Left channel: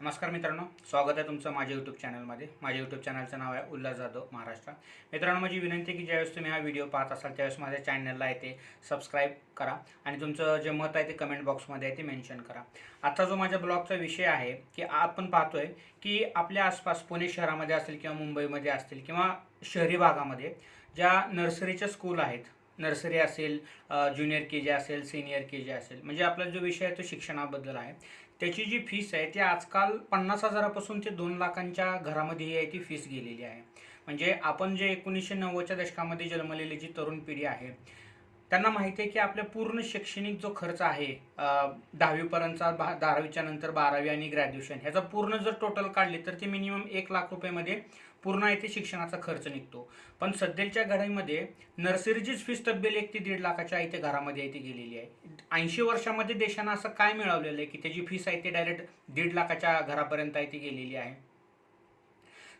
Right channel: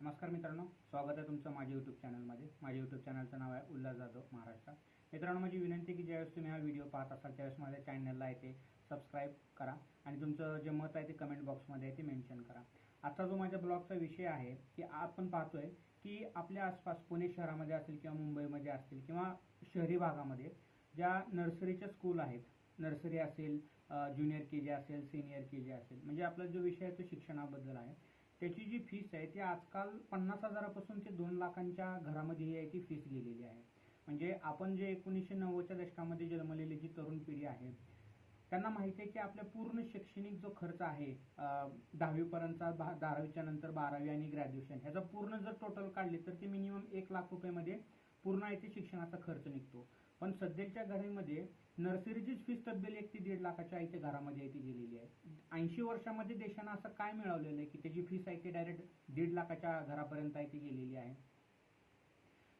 नमस्कार मित्रांनो, स्वागत आहे तुमचं माझ्या यूट्यूब चॅनलमध्ये. माझ्या यूट्यूब चॅनलचं नाव आहे उल्हास जाधव महाराष्ट्र. मित्रांनो, माझी विनंती आहे की ज्यावेळेस तुम्ही हा व्हिडिओ पाहत असाल त्यावेळेस माझ्या चॅनलला आहे ते सबस्क्राईब करा आणि तुमचं जे मत आहे ते कमेंट बॉक्समध्ये आहे ते मेन्शन करा. आजचा जो माझ्या ब्लॉगचा विषय आहे की आपण पाहतोय की आपल्या आसपास पुणे शहरामध्ये असतील किंवा मुंबईमध्ये असतील किंवा शहरी भागामध्ये ज्या नर्सरीच्या स्कूल आहेत, नर्सरी असेल, ज्युनियर के जी असेल, सिनियर के जी असेल, म्हणजे आपला जो विषय आहे तो शिक्षणाबद्दल आहे. त्याची जी फीस आहे ती आजकाल 50,000पासून ते 2 लाखांच्या घरामध्ये आहे ती फीस गेलेली आहे. म्हणजे आपण जे 1990च्या दशकामध्ये जन्मलेली जी तरुण पिढी आहे त्यांना माहिती आहे की आपल्या पूर्ण शैक्षणिक जो खर्च आहे, 10वी पर्यंतचा, 10वीच्या नंतर 12वी आणि ग्रॅज्युएशन, ह्याचा पूर्ण जर टोटल काढली तर ते मिनिमम 1 लाख रुपयामध्ये पूर्ण आहे ते शिक्षणाचा खर्च निघतो. पण सध्याच्या घडीमध्ये नर्सरीचीच फीस तब्बल 1 ते 1.5 लाखाच्या आहे ते घरामध्ये आहे ती गेलेली आहे. 80 वर्षामध्ये देशानं असं काय मिळवलेलं आहे की त्याची फीस आहे ते डायरेक्ट 1.5 लाखाच्या घरापर्यंत आहे ती गेलेली आहे.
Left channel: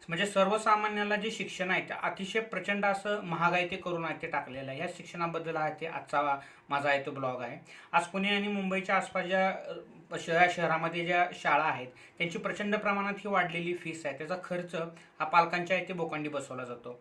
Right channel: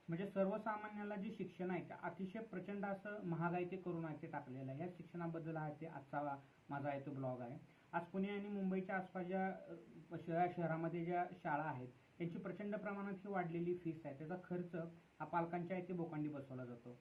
म्हणजे सर्वसामान्याला जे शिक्षण आहे ते अतिशय प्रचंड असं महागाई ते करून आहे ते टाकलेलं आहे. ह्या शिक्षणाबद्दल आहे ते आजचा माझा आहे तो ब्लॉग आहे. आज पुणे आणि मुंबईच्या आसपास शहरामध्ये ज्या शाळा आहेत त्यांची प्रचंड प्रमाणात ही वाढलेली फीस आहे, त्याचा खर्च हा पालकांच्या आहे ते बोकांडी बसवला जातो.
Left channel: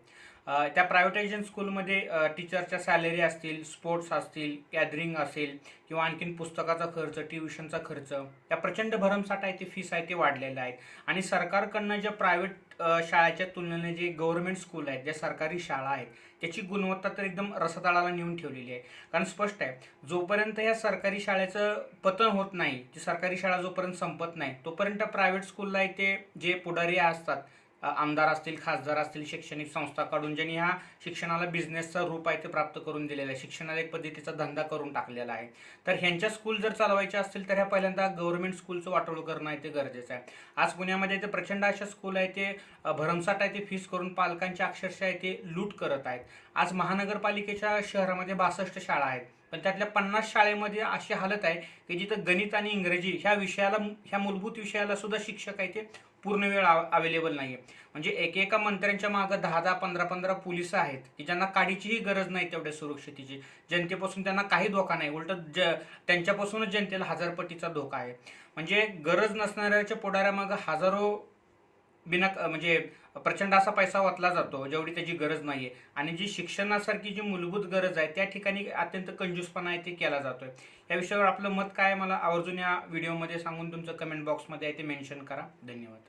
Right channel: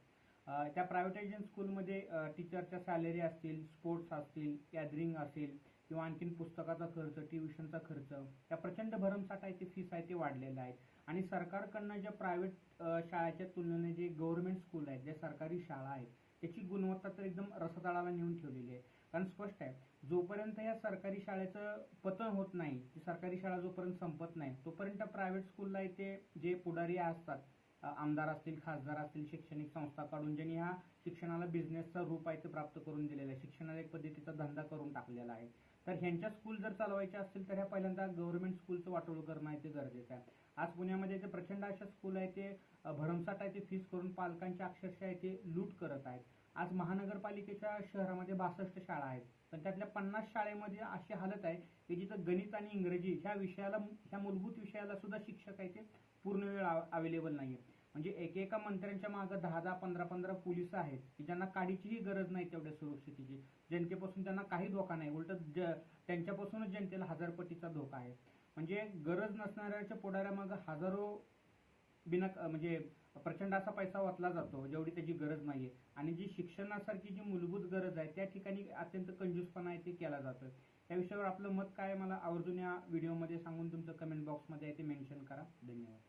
त्या प्रायव्हेटायझेशन स्कूलमध्ये टीचरच्या सॅलरी असतील, स्पोर्ट्स असतील, गॅदरिंग असेल किंवा आणखीन पुस्तकाचा खर्च, ट्युशनचा खर्च, त्या प्रचंड भरमसाठ आहे ते फीस आहे ते वाढलेल्या आहेत. आणि सरकारकडनं ज्या प्रायव्हेट शाळेच्या तुलनेने जे गव्हर्नमेंट स्कूल आहेत, ज्या सरकारी शाळा आहेत, त्याची गुणवत्ता तर एकदम रसातळाला नेऊन ठेवलेली आहे. कारण स्पष्ट आहे, जोपर्यंत या सरकारी शाळेचं पतन होत नाही, ती सरकारी शाळा जोपर्यंत संपत नाही तोपर्यंत प्रायव्हेट स्कूलला ते जे पुढारी असतात, आमदार असतील, खासदार असतील, शैक्षणिक संस्था काढून ज्यांनी ह्या शिक्षणाला बिझनेसचा रूप आहे ते प्राप्त करून दिलेलं आहे, शिक्षणाला एक पद्धतीचा धंदा करून टाकलेला आहे. तर ह्यांच्या स्कूल जर चालवायच्या असतील तर ह्या पहिल्यांदा गव्हर्नमेंट स्कूलचं वाटोळं करणं आहे ते गरजेचं आहे. आज पुण्यामध्ये ते प्रचंड अशा स्कूल आहे ते भरमसाठ आहे ते फीस करून पालकांच्या अक्षरशः आहे ते लूट करत आहेत. आज महानगरपालिकेच्या शहरामध्ये 62 शाळा आहेत, पण त्यातल्या 50 शाळेमध्ये अशी हालत आहे की जिथं गणित आणि इंग्रजी ह्या विषयाला, ह्या मूलभूत विषयाला सुद्धा शिक्षक आहे ते पूर्ण वेळ अवेलेबल नाही आहे. म्हणजे एकेका मंत्र्यांच्या मागं 10-10, 15-15 पोलिस आहेत की ज्यांना काडीचीही गरज नाही तेवढ्या सुरक्षितेची. जनतेपासून त्यांना काही धोका नाही, उलट त्यांच्यापासूनच जनतेला हजारपटीचा धोका आहे. म्हणजे गरज नसणाऱ्याच्या पुढाऱ्यामागं हजारो म्हणजे प्रचंड असा पैसा ओतला जातो जेवढी त्याची गरज नाही आहे. आणि जी शिक्षणासारखी जी मूलभूत गरज आहे त्या ठिकाणी अत्यंत कंजूसपणा आहे ते केला जातोय. या विषयावर आपलं मत काय आहे मला आवर्जून या व्हिडिओमध्ये सांगून तुमचं कमेंट बॉक्समध्ये आहे ते मेन्शन करा. धन्यवाद.